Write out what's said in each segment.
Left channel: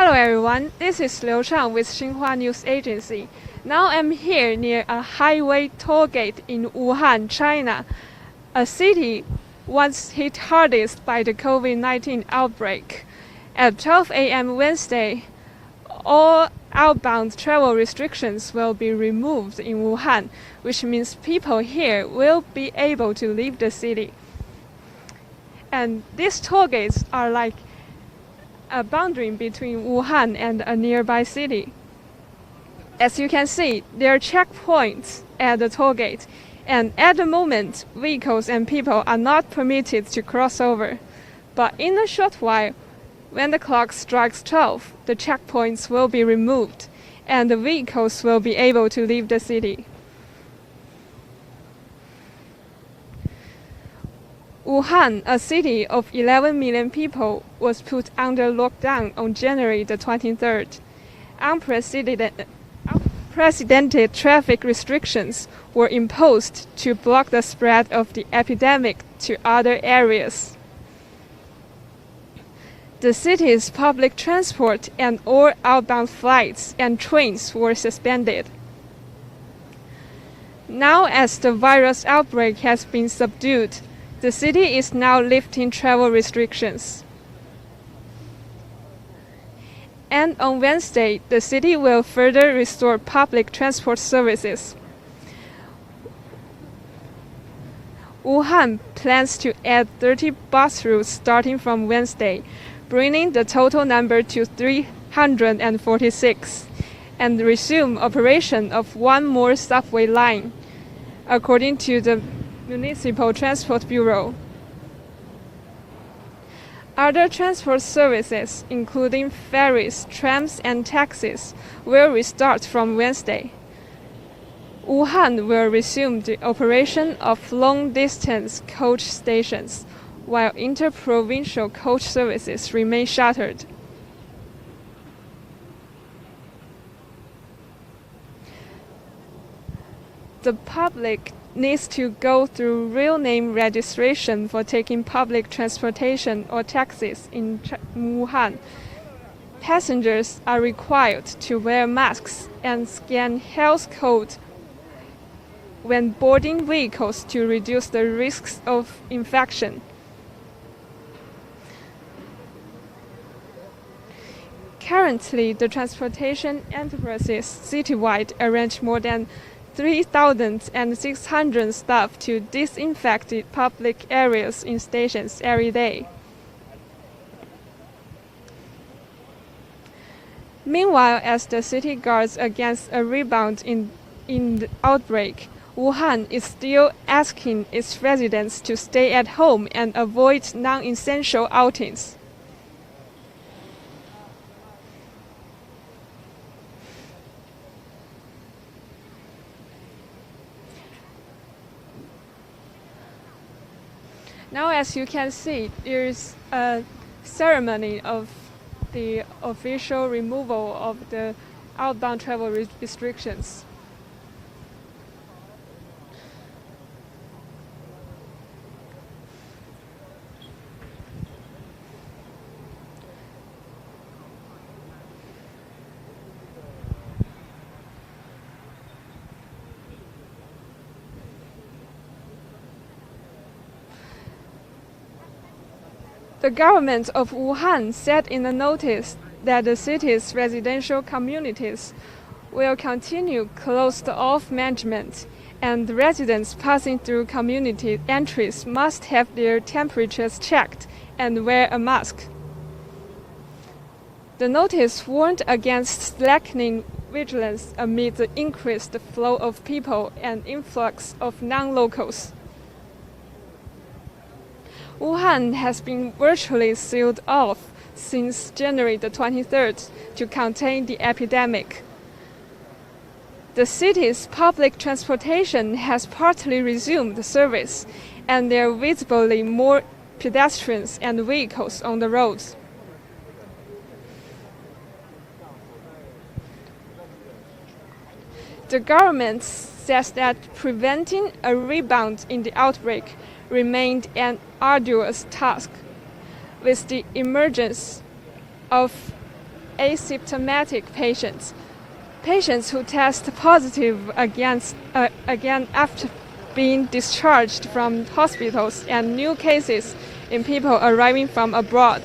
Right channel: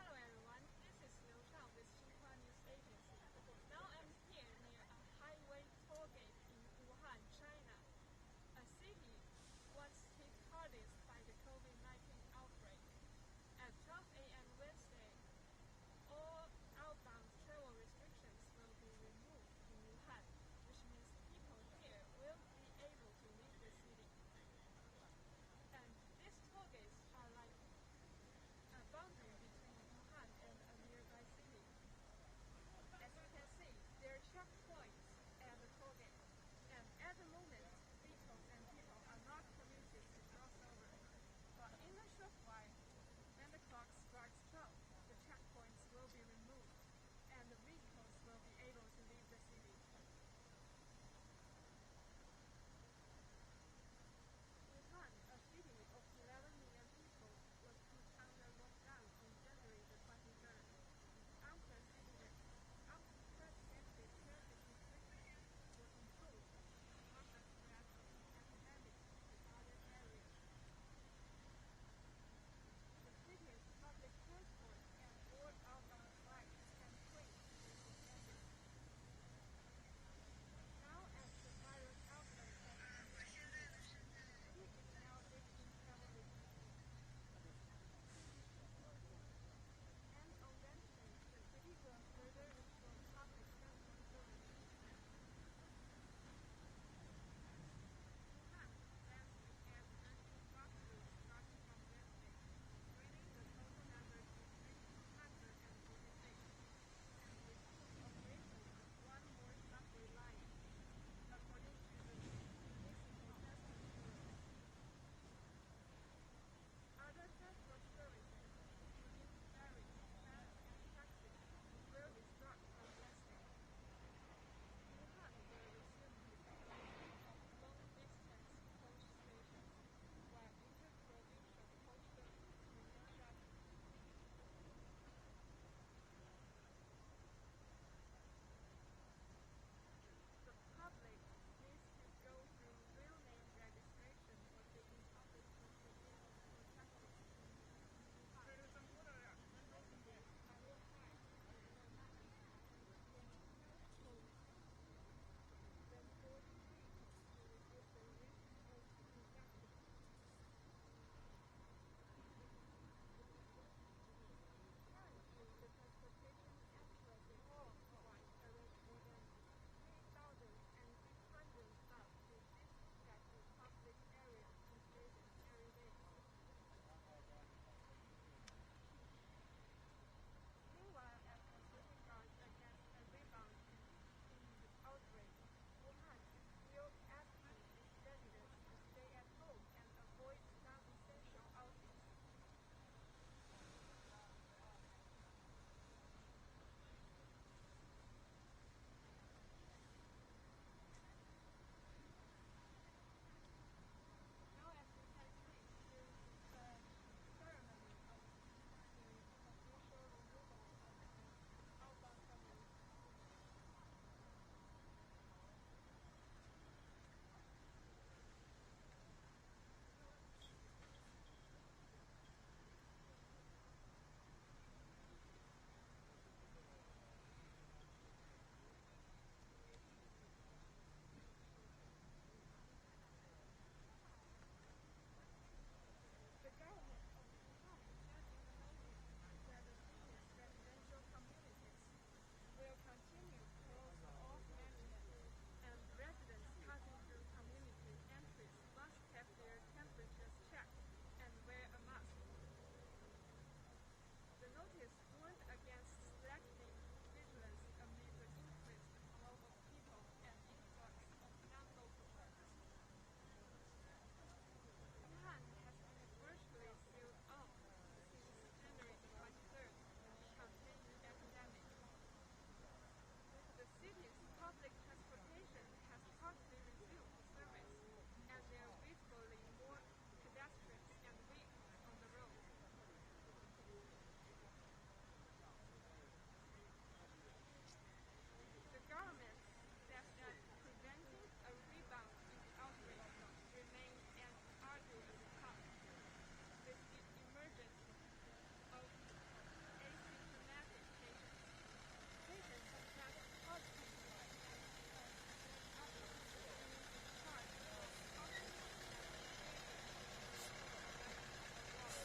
Hello everyone, this is Liu Chang with Xinhua News Agency. Now I'm here near a highway toll gate in Wuhan, China, a city once hit hardest by the COVID-19 outbreak. At 12 a.m. Wednesday, all outbound travel restrictions will be removed in Wuhan, which means people here will be able to leave the city. And these toll gates are like a boundary between Wuhan and a nearby city. As you can see, there are checkpoints at the toll gate, and at the moment, vehicles and people are not permitted to cross over. But in a short while, when the clock strikes 12, the checkpoints will be removed, and the vehicles will be able to leave the city. Wuhan, a city of 11 million people, was put under lockdown on January the 23rd. Unprecedented traffic restrictions were imposed to block the spread of the epidemic to other areas. The city's public transport and all outbound flights and trains were suspended. Now, as the virus outbreak has been subdued, the city is now lifting travel restrictions. And on Wednesday, the city will further restore public transport services. Wuhan plans to add 30 bus routes starting from Wednesday, bringing the total number to 346, and resume operation of one more subway line, according to the Municipal Transport Bureau. Other transport services, including ferries, trams, and taxis, will restart from Wednesday. Wuhan will resume the operation of long-distance coach stations, while interprovincial coach services remain shuttered. The public needs to go through real name registration for taking public transportation or taxis in Wuhan. Passengers are required to wear masks and scan health code when boarding vehicles to reduce the risks of infection. Currently, the transportation enterprises citywide arrange more than 3,600 staff to disinfect the public areas in stations every day. Meanwhile, as the city guards against a rebound in the outbreak, Wuhan is still asking its residents to stay at home and avoid non-essential outings. Now, as you can see, there is a ceremony of the official removal of the outbound travel restrictions. The government of Wuhan said in a notice that the city's residential communities will continue closed-off management, and the residents passing through community entries must have their temperatures checked and wear a mask. The notice warned against slackening vigilance amid the increased flow of people and influx of non-locals. Wuhan has been virtually sealed off since January the 23rd to contain the epidemic. The city's public transportation has partly resumed service, and there are visibly more pedestrians and vehicles on the roads. The government says that preventing a rebound in the outbreak remained an arduous task. With the emergence of asymptomatic patients. Patients who test positive again after being discharged from hospitals, and new cases in people arriving from abroad.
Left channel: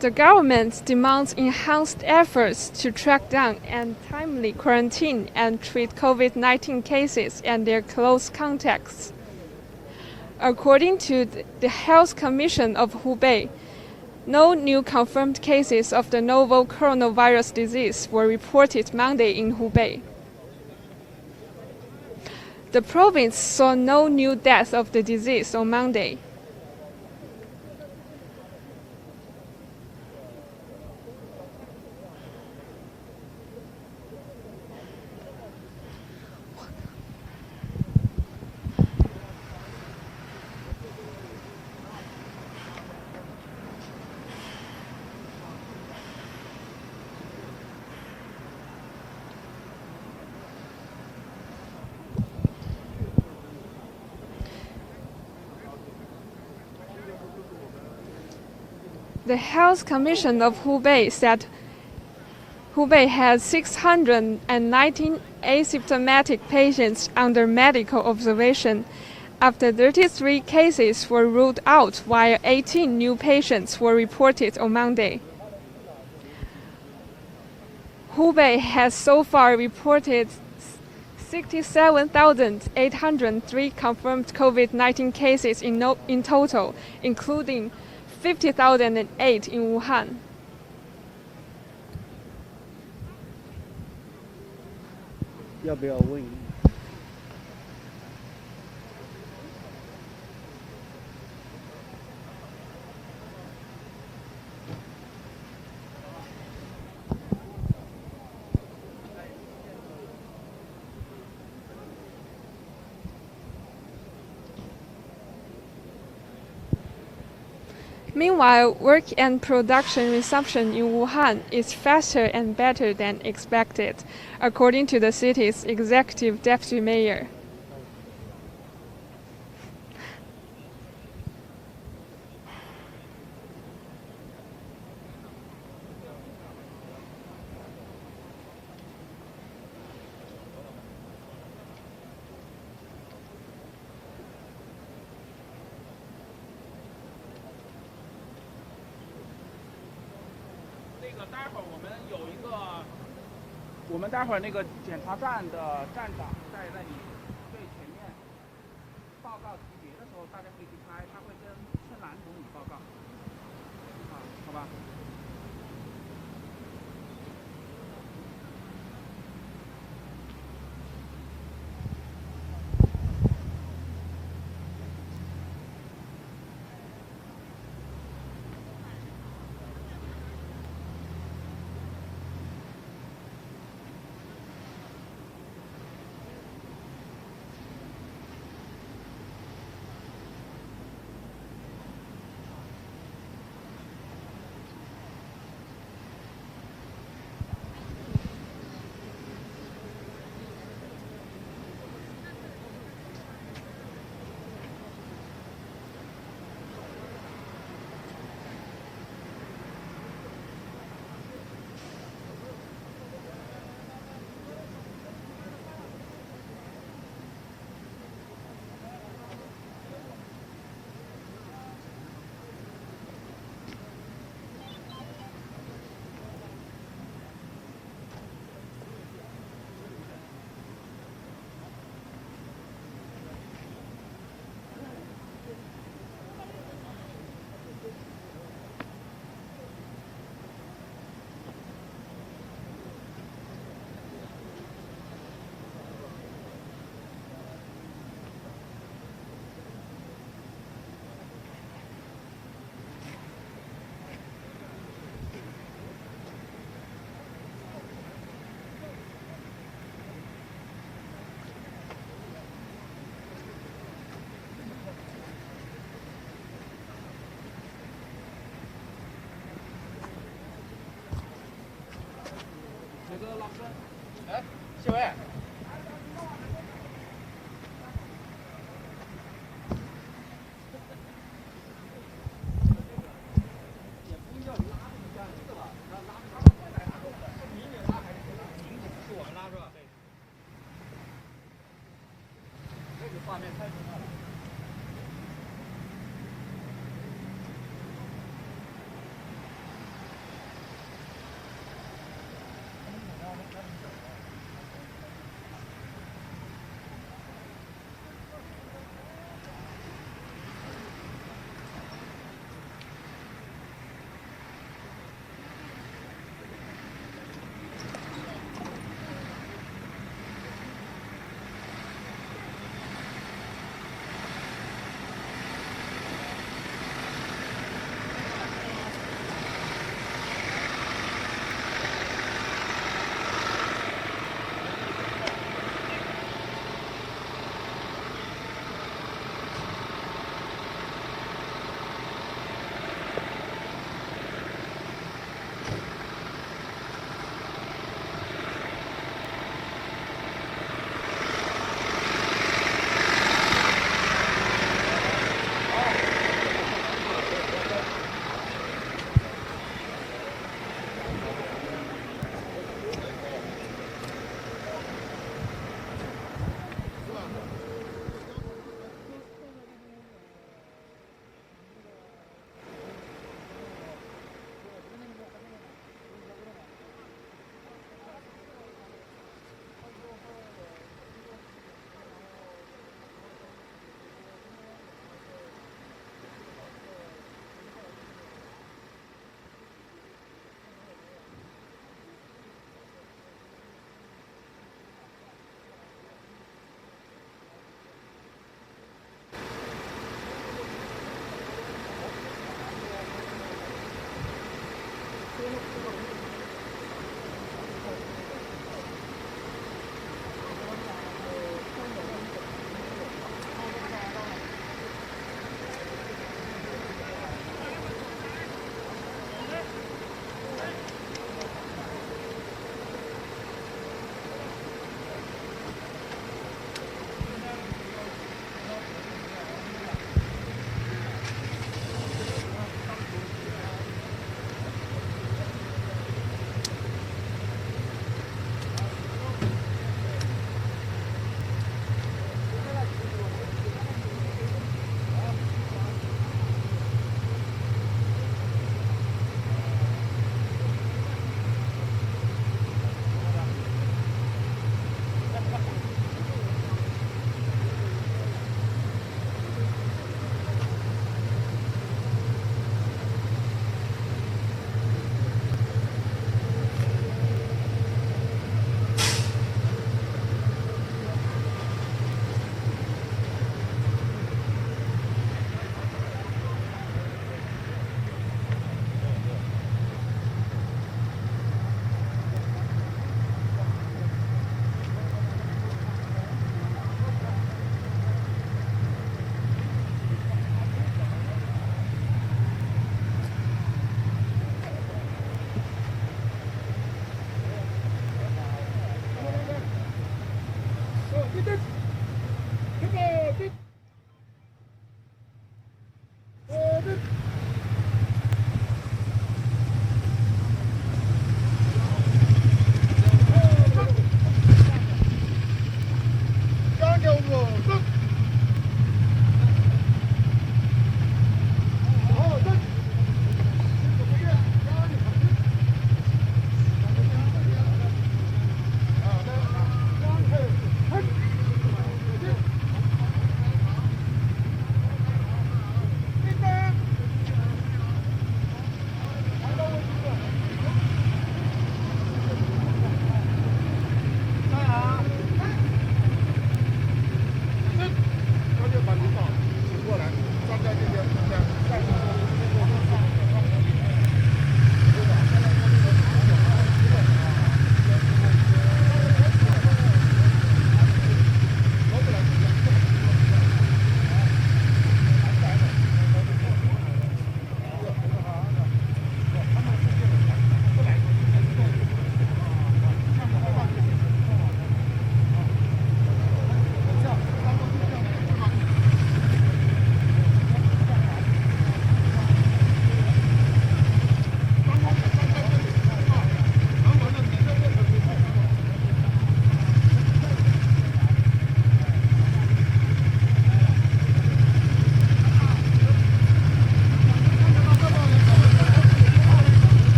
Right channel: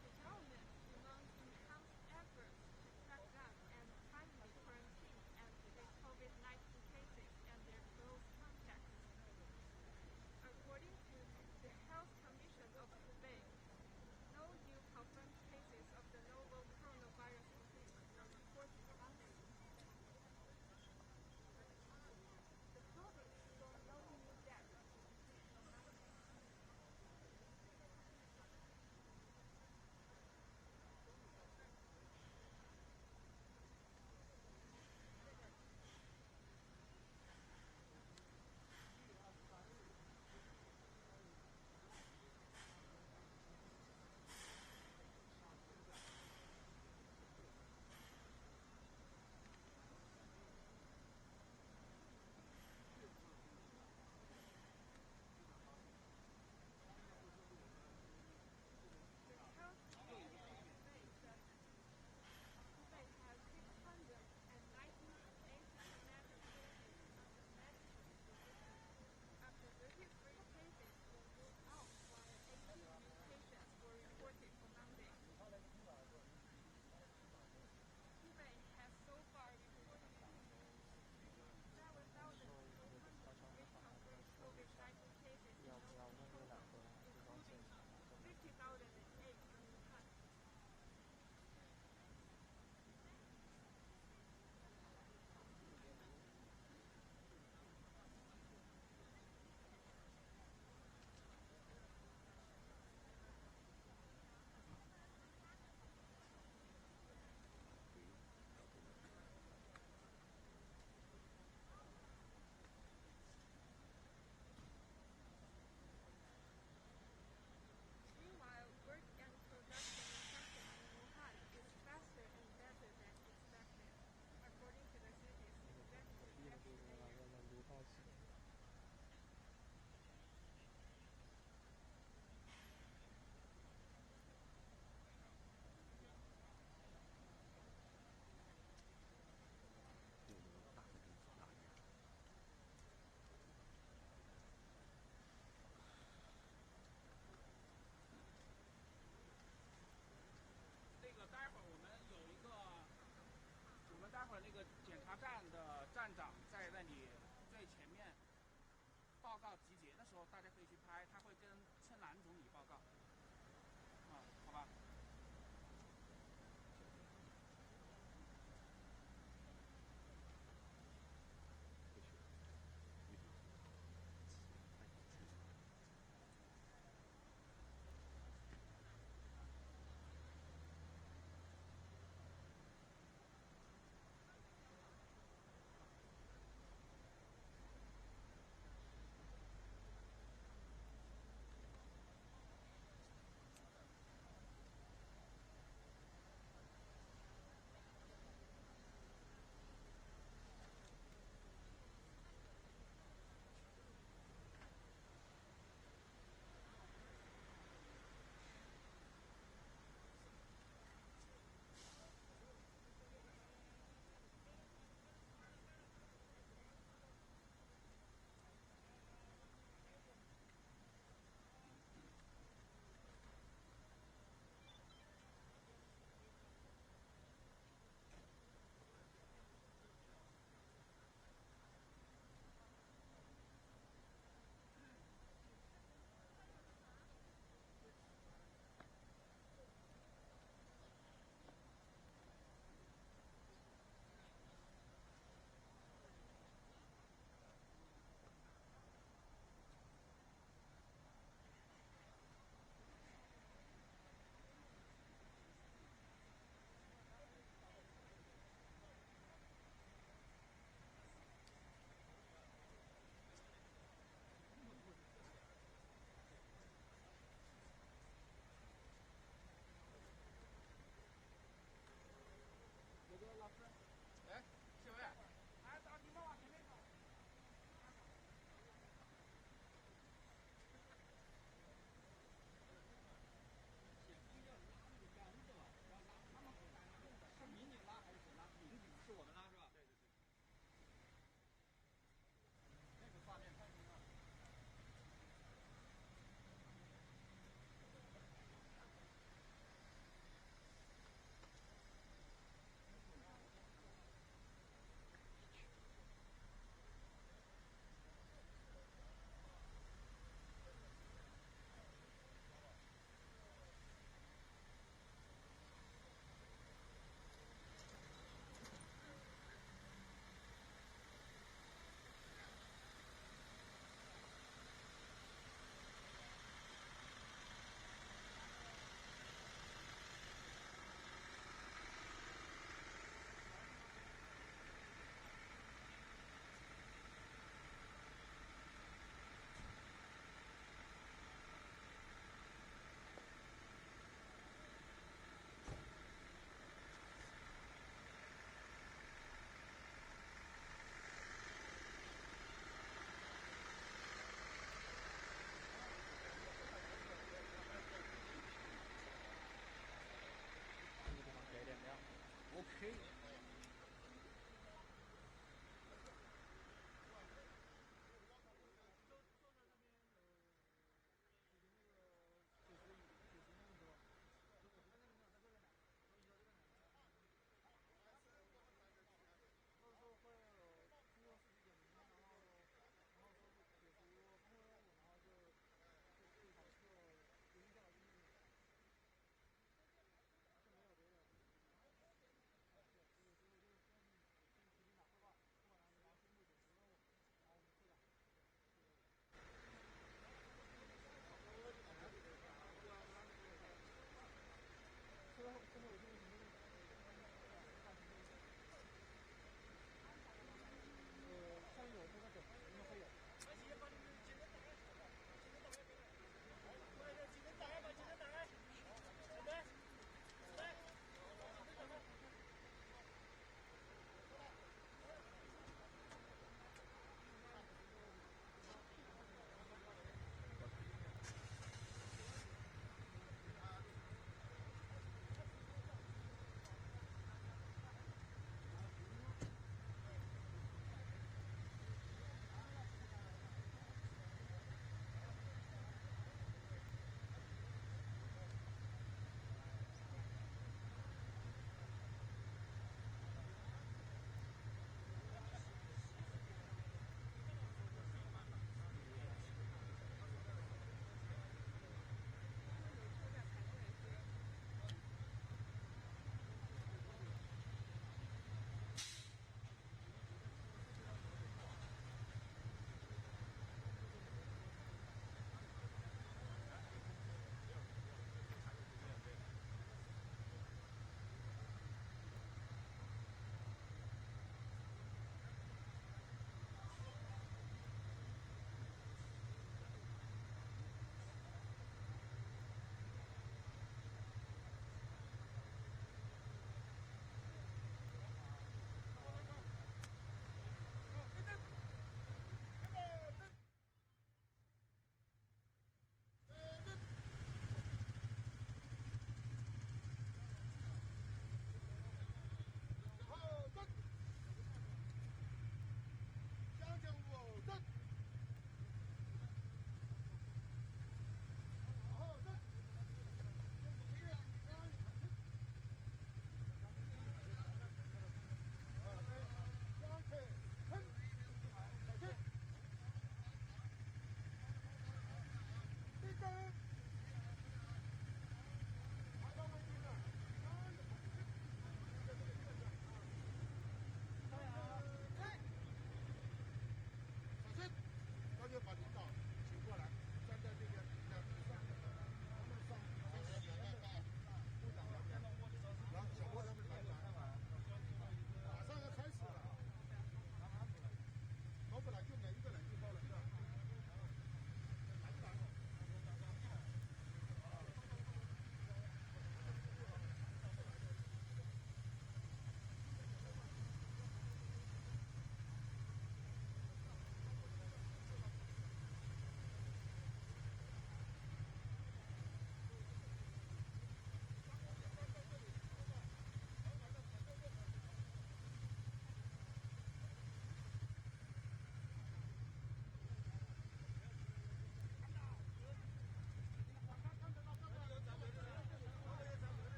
The government demands enhanced efforts to track down and timely quarantine and treat COVID-19 cases and their close contacts. According to the Health Commission of Hubei, no new confirmed cases of the novel coronavirus disease were reported Monday in Hubei. The province saw no new deaths of the disease on Monday. The Health Commission of Hubei said Hubei has 619 asymptomatic patients under medical observation, after 33 cases were ruled out while 18 new patients were reported on Monday. Hubei has so far reported 67,803 confirmed COVID-19 cases in total, including 50,008 in Wuhan. Meanwhile, work and production resumption in Wuhan is faster and better than expected, according to the city's executive deputy mayor.我们待会儿那个检查站的站长在那里对前面报告级别的时候，大家可以去拍，他会跟村兰同你报告，好吧？老师。哎，谢伟。画面太重要了。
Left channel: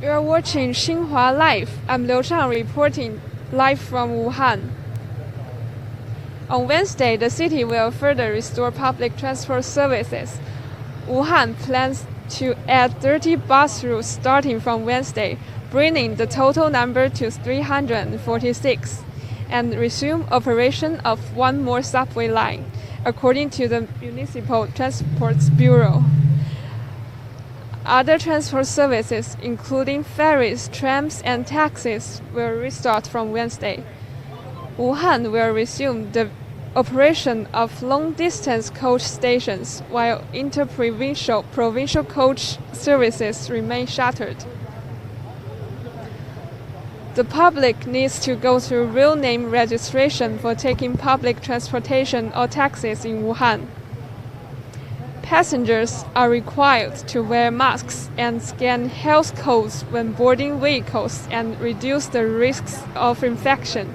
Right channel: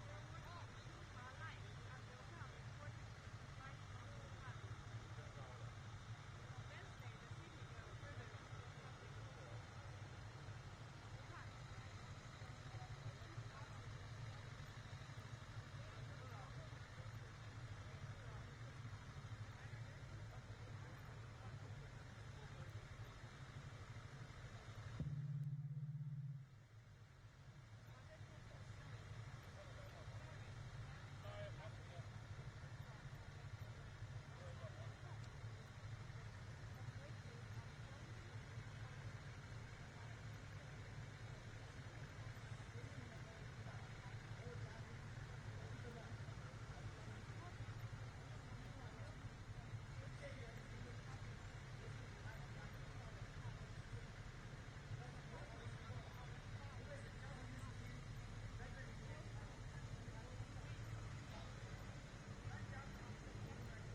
You are watching Xinhua Live. I'm Liu Chang reporting live from Wuhan. On Wednesday, the city will further restore public transport services. Wuhan plans to add 30 bus routes starting from Wednesday, bringing the total number to 346, and resume operation of one more subway line, according to the Municipal Transport Bureau. Other transport services, including ferries, trams, and taxis, will restart from Wednesday. Wuhan will resume the operation of long-distance coach stations, while provincial coach services remain shuttered. The public needs to go through real name registration for taking public transportation or taxis in Wuhan. Passengers are required to wear masks and scan health codes when boarding vehicles and reduce the risks of infection.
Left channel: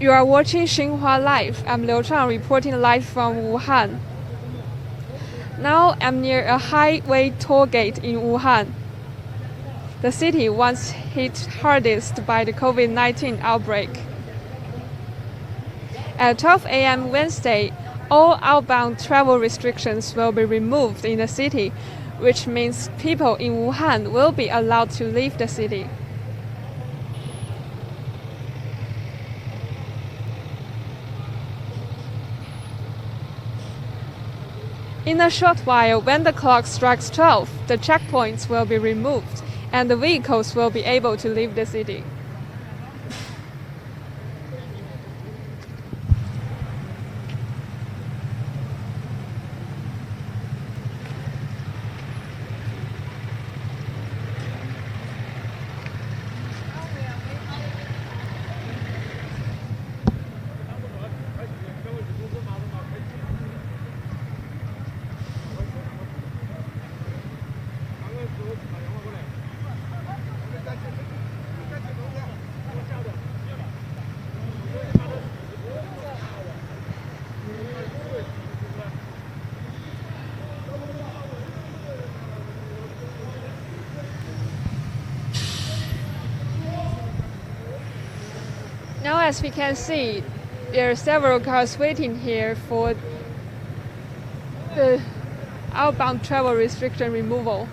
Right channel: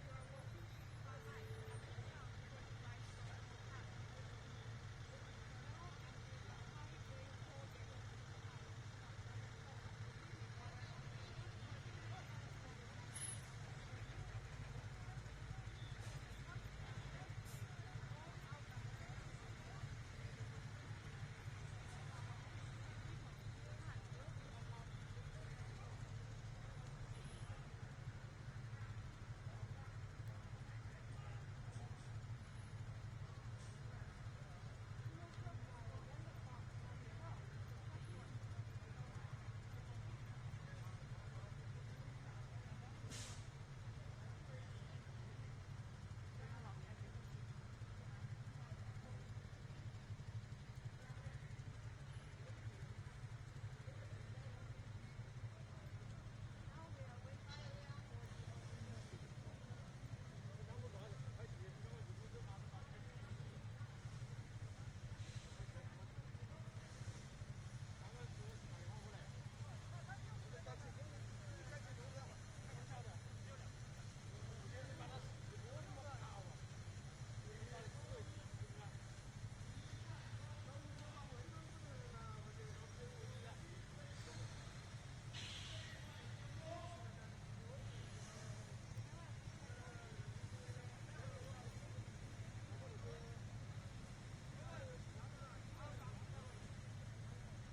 You are watching Xinhua Live. I'm Liu Chang reporting live from Wuhan. Now I'm near a highway toll gate in Wuhan, the city once hit hardest by the COVID-19 outbreak. At 12 a.m. Wednesday, all outbound travel restrictions will be removed in the city, which means people in Wuhan will be allowed to leave the city. In a short while, when the clock strikes 12, the checkpoints will be removed and the vehicles will be able to leave the city. Now, as we can see, there are several cars waiting here for the outbound travel restriction removal.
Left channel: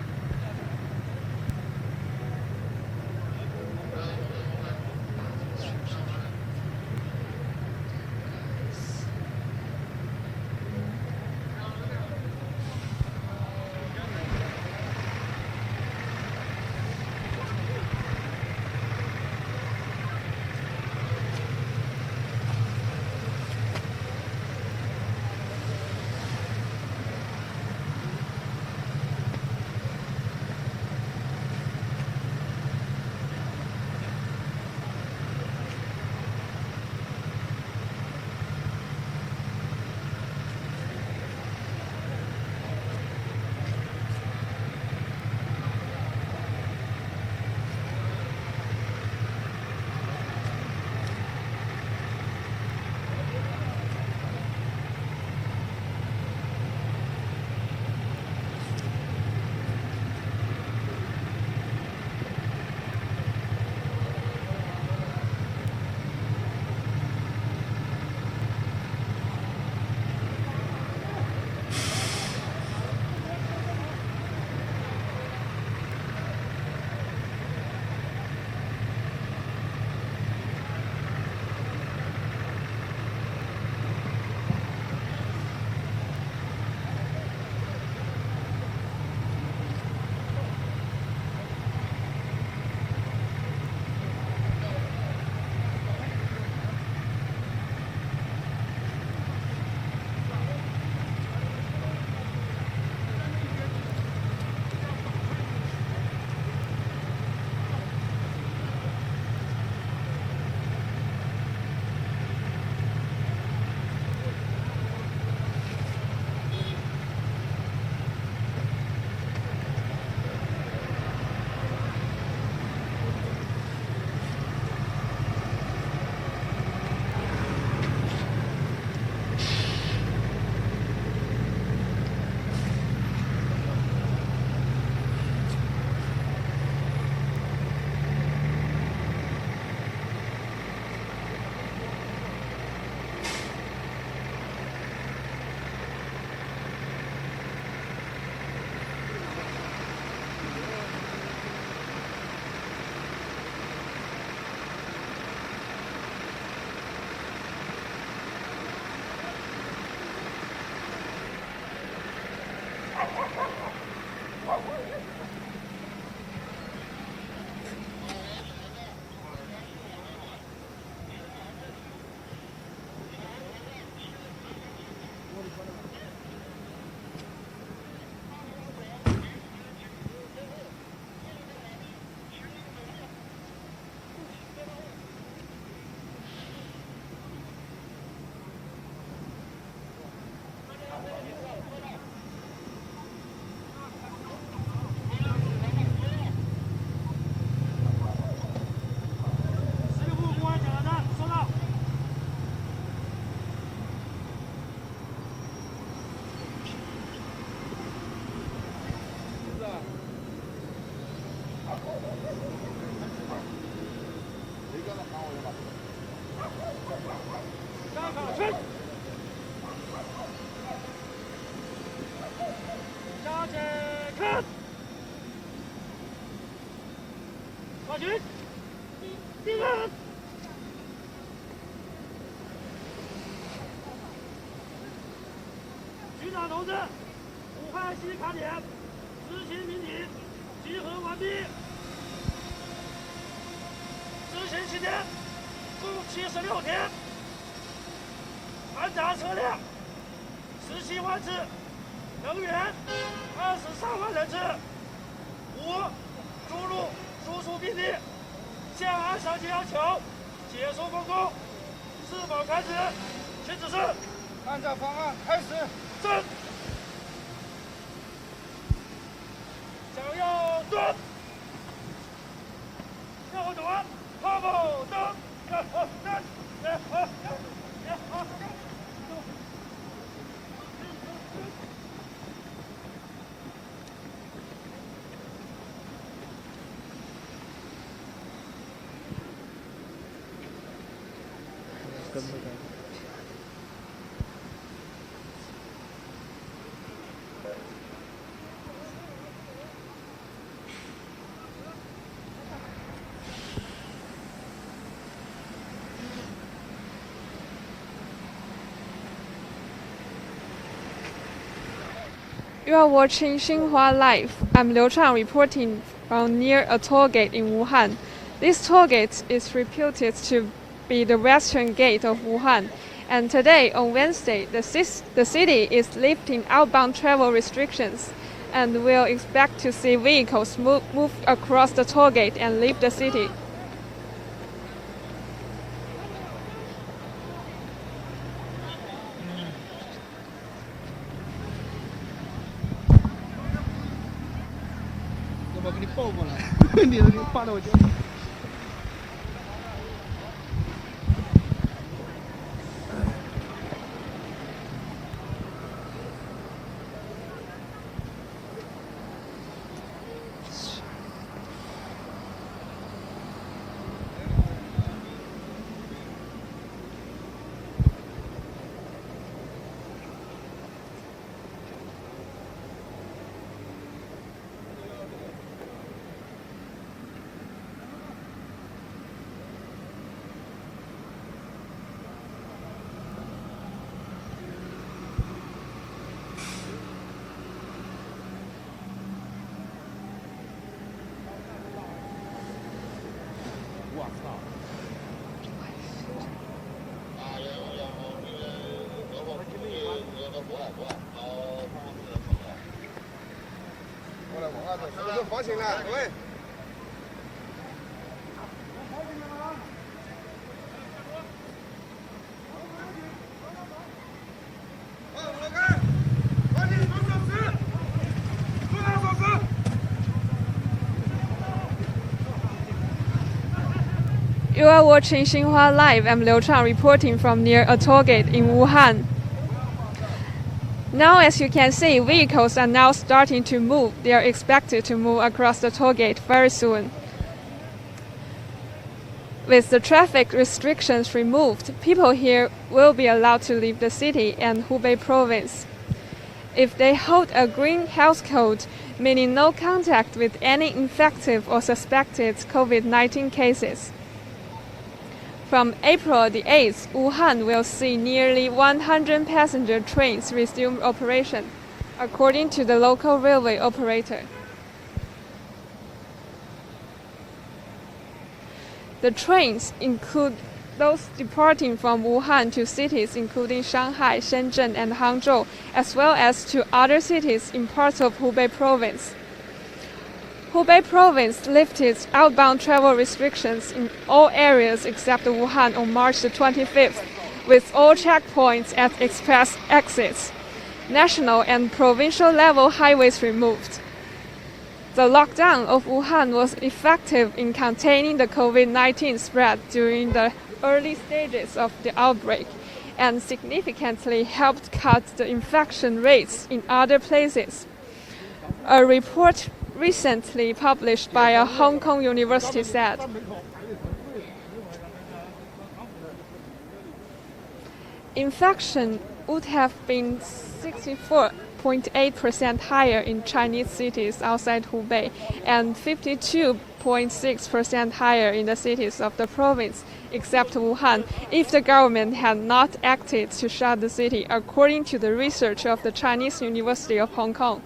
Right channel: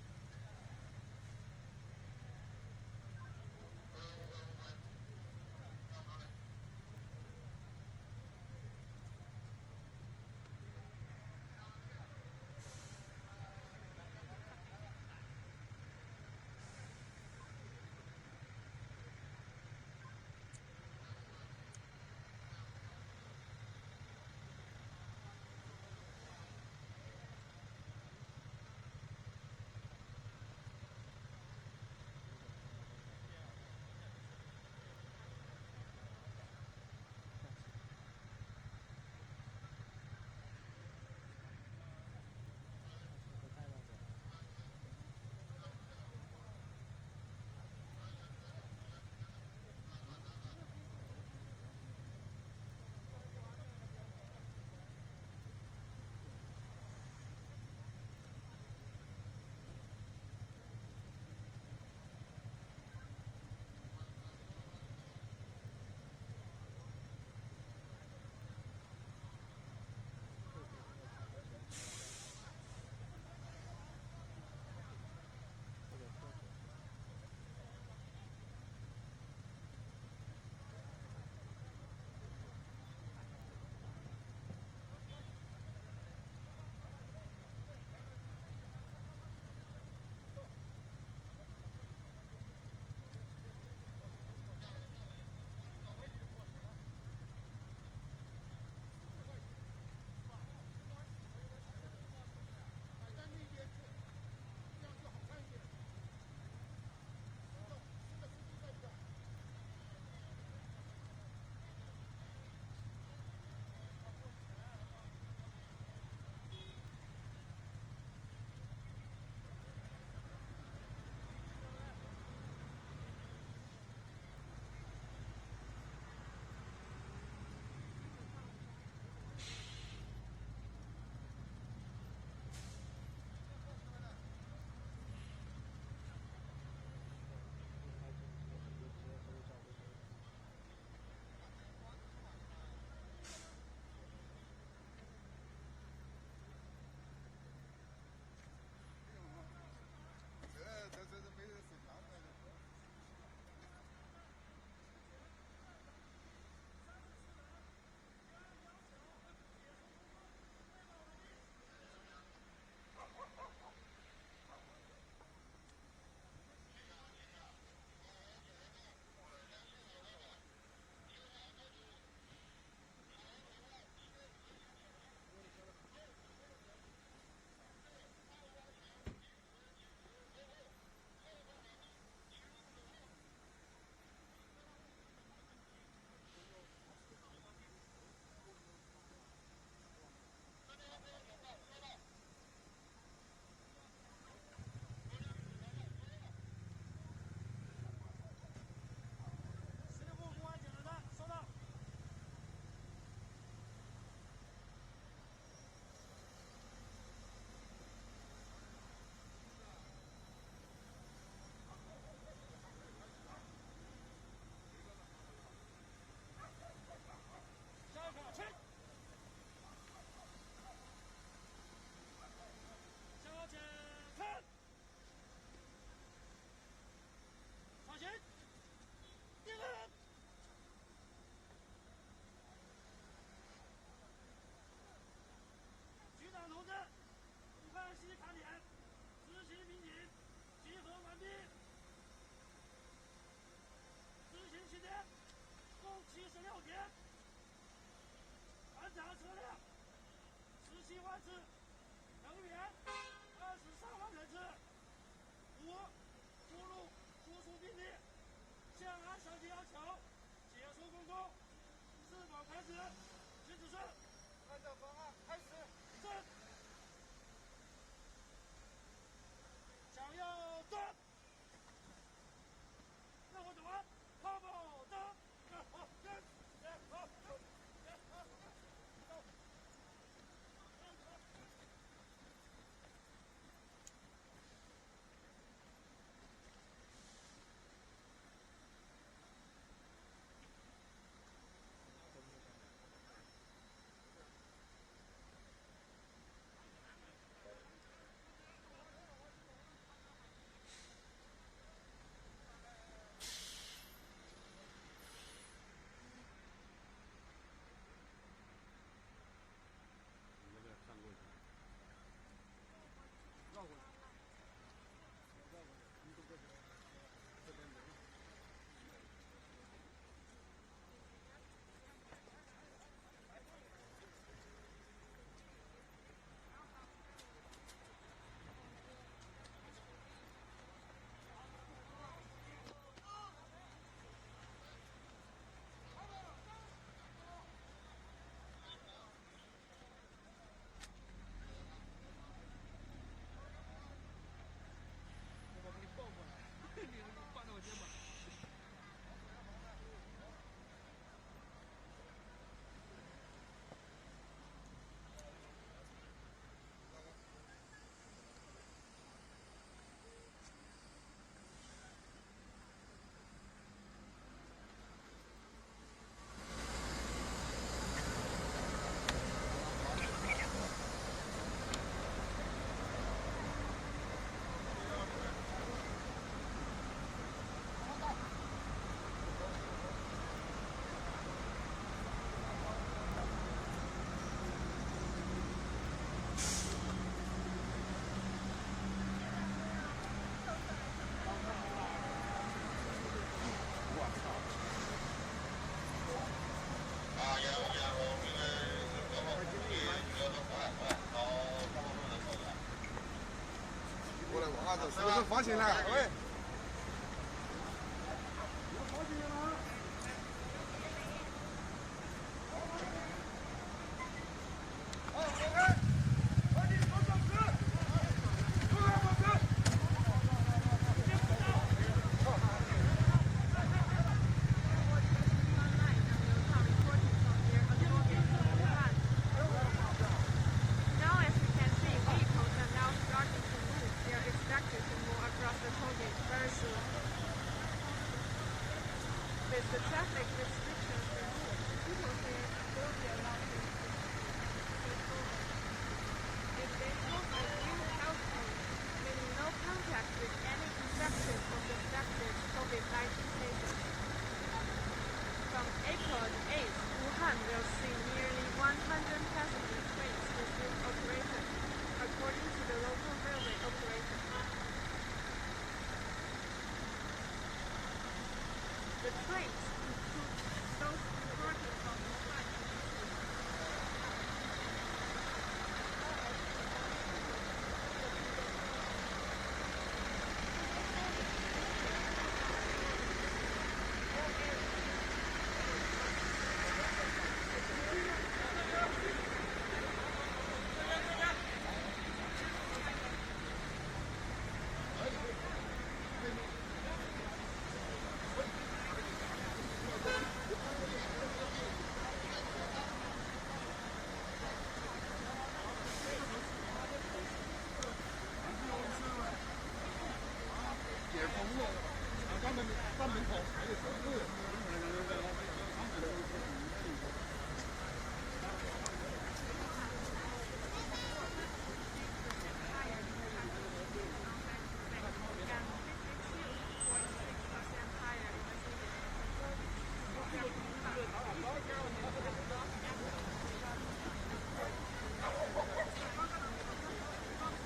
军，定位。局长同志，武汉西卡点执行民警集合完毕。执行期间共76天，盘查车辆17万次，人员23万人次，无输入输出病例。现按上级要求解除封控，是否开始？请指示。按照方案开始。是。向右蹲。右转，后步蹬，You are watching Xinhua Live. I'm Liu Chang reporting from near a toll gate in Wuhan. This toll gate is reputed to be the western gate of Wuhan. And today, on Wednesday, the city is lifting outbound travel restrictions. And we'll expect to see vehicles move across the toll gate and leave the city. You are watching Xinhua Live. I'm Liu Chang reporting from near a toll gate in Wuhan. Now, as you can see, vehicles are now starting to move. They are expected to move across the toll gate very soon. With the traffic restrictions removed, people here will be allowed to leave the city and Hubei province. If they hold a green health code, meaning no contact with any infected or suspected COVID-19 cases. From April the 8th, Wuhan will see nearly 100 passenger trains resume operation, according to the local railway operator. The trains include those departing from Wuhan to cities including Shanghai, Shenzhen, and Hangzhou, as well as to other cities in parts of Hubei province. Hubei province lifted outbound travel restrictions in all areas except Wuhan on March the 25th, with all checkpoints at express exits, national and provincial level highways removed. The lockdown of Wuhan was effective in containing the COVID-19 spread during the early stages of the outbreak and significantly helped cut the infection rates in other places. A report recently published by a Hong Kong university said. Infection would have been 64.8% higher in Chinese cities outside Hubei and 52 8.6% higher in the cities of the province, except Wuhan, if the government had not acted to shut the city, according to the research of the Chinese University of Hong Kong.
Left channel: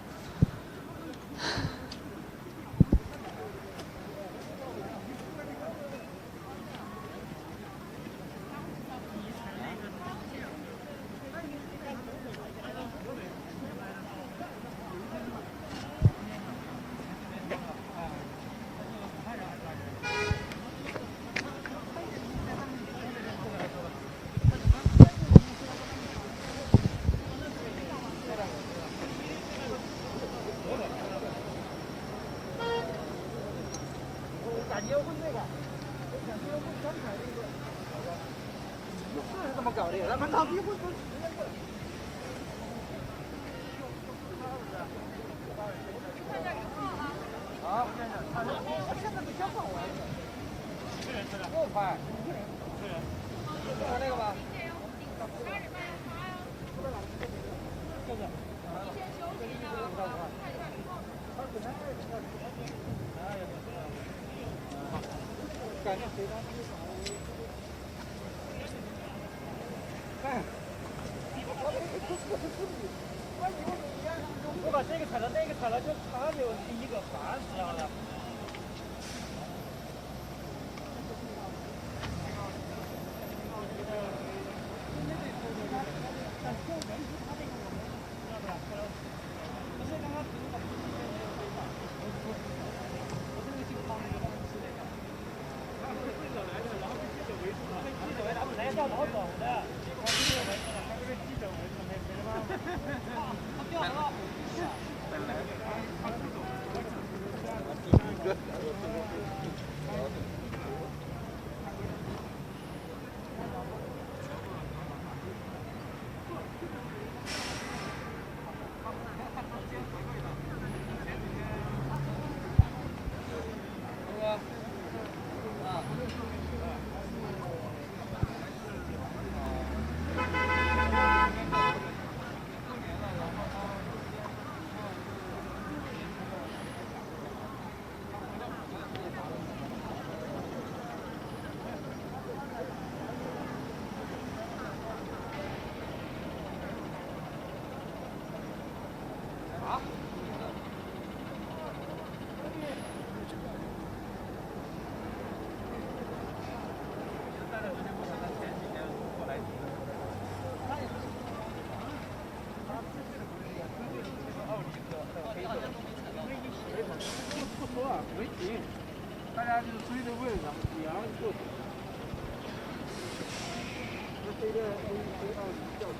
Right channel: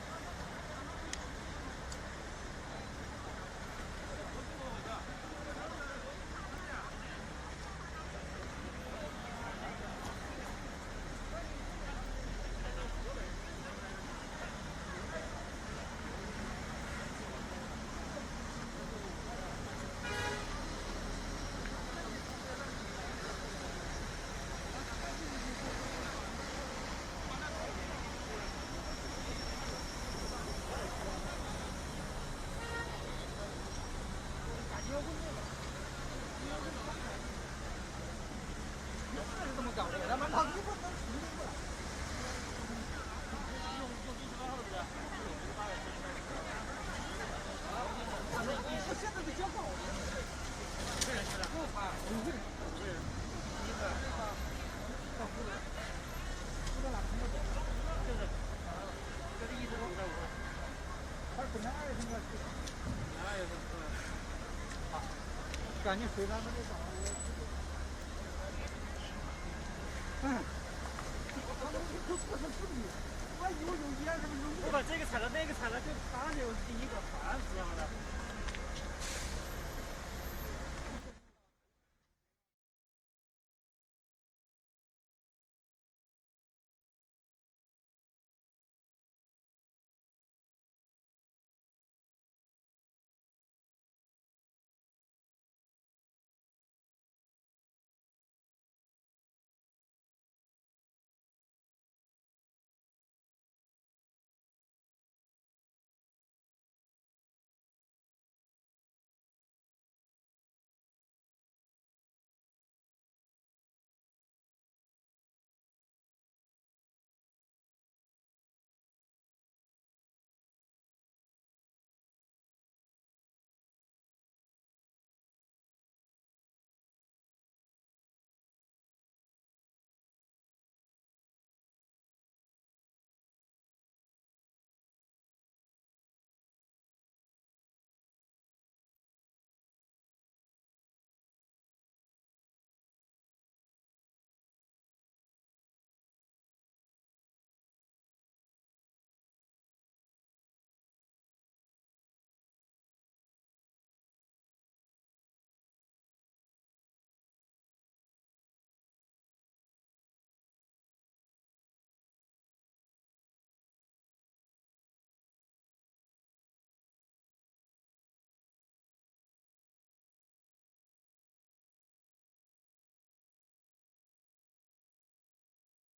我把这个踩到那个踩了，就他就一个滑死掉了。大家就是追着问，然后过去。这个飞到吊车。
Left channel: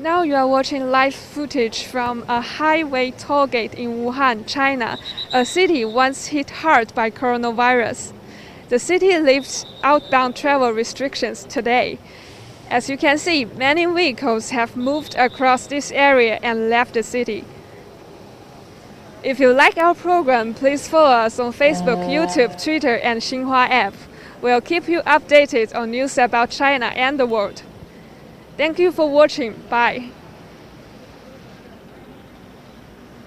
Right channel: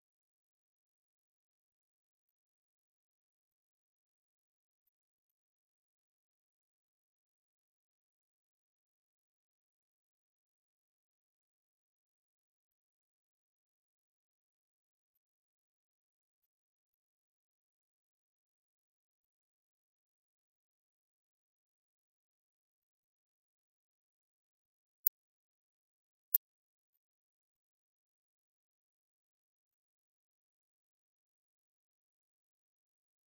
Now you are watching live footage from a highway toll gate in Wuhan, China, a city once hit hard by coronavirus. The city lifts outbound travel restrictions today. As you can see, many vehicles have moved across this area and left the city. If you like our program, please follow us on Facebook, YouTube, Twitter, and Xinhua app. We'll keep you updated on news about China and the world. Thank you for watching. Bye.